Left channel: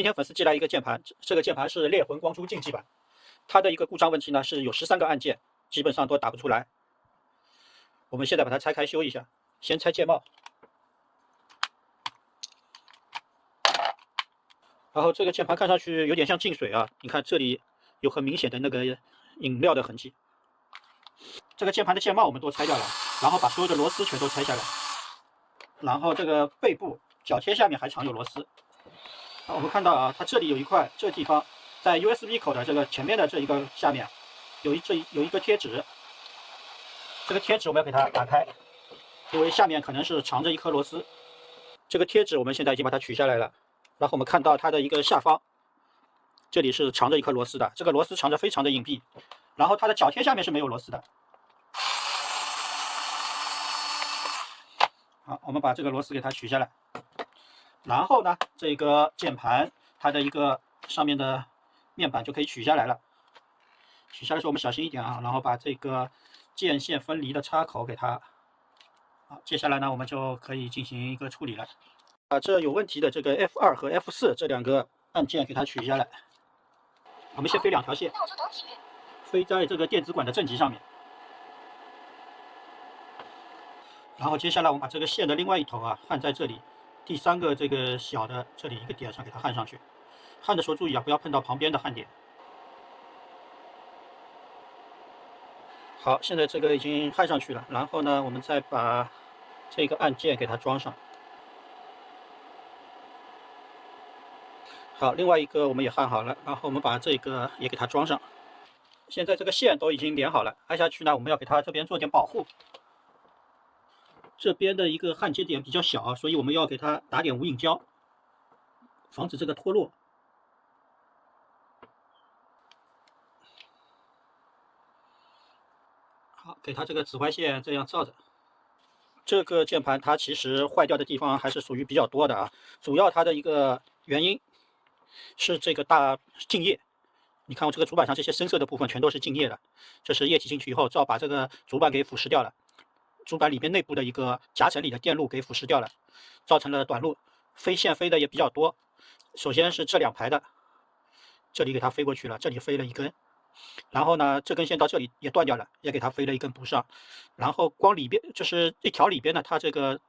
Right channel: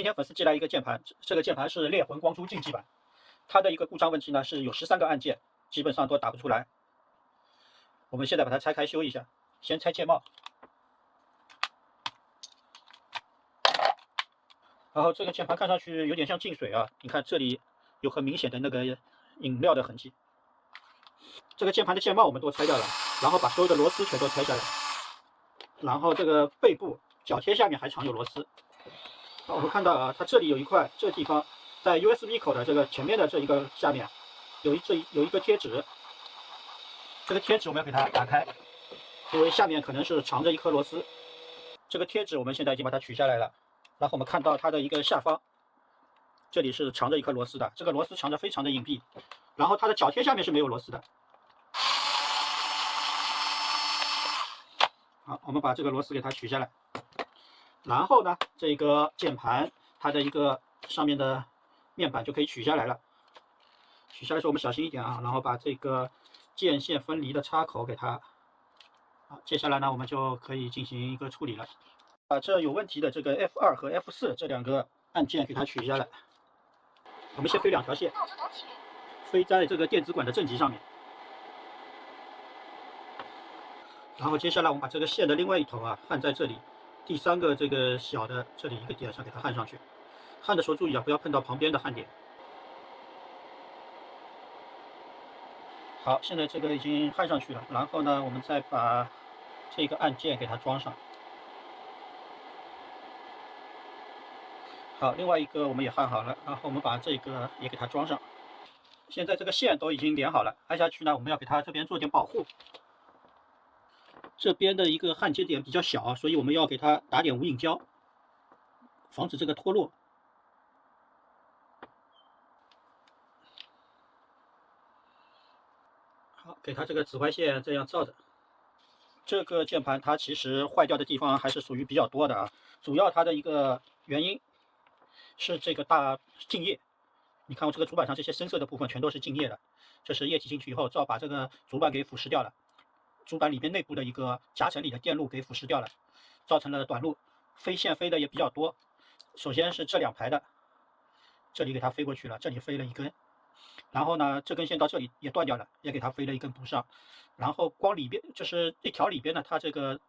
今天粉丝寄来一个键盘，这个键盘是猎魂光珠竞技版，它的一个故障问题呢是有13个按键，基本上都打不出来。我们现在把它拆开修一下，先拆键帽，然后这个键盘看上去有点像进水啊，你看这里有很明显的那个饮料的痕迹。这个键盘的键帽我们都拆掉了，然后把所有的螺丝全都拆下来，然后这个背部脚贴下面还藏有螺丝。我们看到啊，它这里有一块，这地方在 USB 口的这个前面的这一个下面有一个贴纸，这个贴纸我们要给它打开，因为下面可能是藏着一颗螺丝。这个贴纸我们现在已经把它取下来了，然后我们看到它的一个下方，这里是藏着一颗螺丝的，这个螺丝藏着非常的隐蔽，然后它的脚贴下面是没有螺丝的。好，我们把这个螺丝给它取下来。然后呢，这个键盘它的一个上面的面板就可以取下来了。取下来的时候我们小心一点啊，然后把这个键线分离的插口给它。好，接下来呢，我们就可以进行一个处理了。把这有问题的这个 F2 和 F4 这两个按键给它取下来。我们先飞2条线，飞在这个电子管的正极上面。然后接下来我们把这个线的另外一头啊焊在这里。第3个这个小的这里一个点上给它焊上去，焊的时候注意啊，不要碰到旁边的焊点。好，现在这个已经焊上去了，然后呢，我们再把这个按键给它装上。好，另外一个我们也焊好了，然后我们把这个也给它装上。现在这个线都已经连好了，按下去呢，我们要给它这边做点保护。这边的一个焊接点比较小啊，所以我们要给它打点无影胶，防止这个脱落。好，给它这个紫外线这样照着。这个键盘它其实坏掉的地方还是属于比较多的啊，主要它的一个原因是这个大静液。你看我这个主板上这些深色的部分全都是静液的，这是液体进去以后，把这个主板给腐蚀掉了。主板里面内部的一个夹层里的电路给腐蚀掉了，造成了短路，飞线飞的也比较多。首先是这2排的，这里给它飞过去了，这里飞了1根，然后呢，这根线到这里也断掉了，也给它飞了1根补上。然后光里边就是一条里边呢，它这个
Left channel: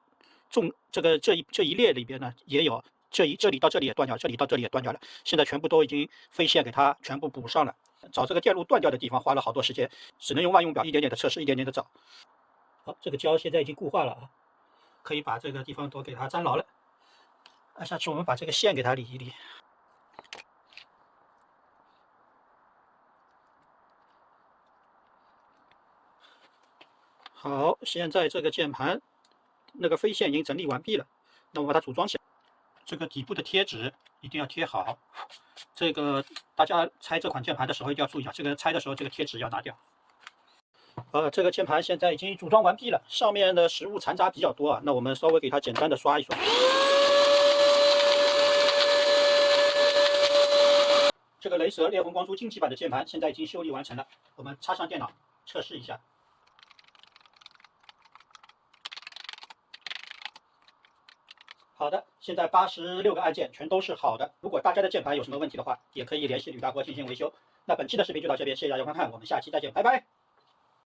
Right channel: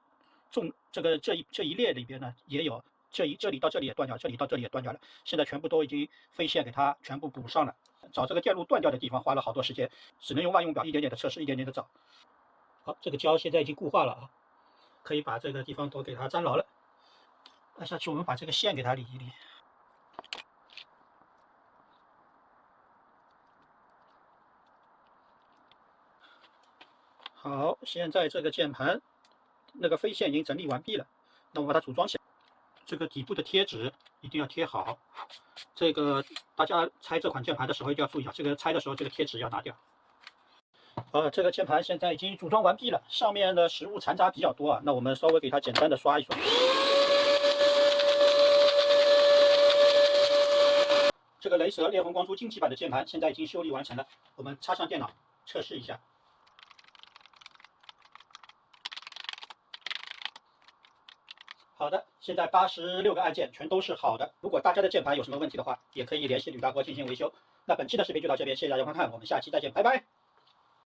这一列里边呢也有，这里到这里也断掉，这里到这里也断掉了。现在全部都已经飞线给它全部补上了。找这个电路断掉的地方花了好多时间，只能用万用表一点点的测试，一点点的找。好，这个胶现在已经固化了啊，可以把这个地方都给它粘牢了。按下去，我们把这个线给它理一理。好，现在这个键盘那个飞线已经整理完毕了，那我把它组装起来。这个底部的贴纸一定要贴好，这个大家拆这款键盘的时候一定要注意啊，这个拆的时候这个贴纸要拿掉。这个键盘现在已经组装完毕了，上面的食物残渣比较多啊，那我们稍微给它简单的刷一刷。这个雷蛇猎魂光珠竞技版的键盘现在已经修理完成了，我们插上电脑测试一下。好的，现在86个按键全都是好的。如果大家的键盘有什么问题的话，也可以联系吕大哥进行维修。那本期的视频就到这边，谢谢大家观看，我们下期再见，拜拜。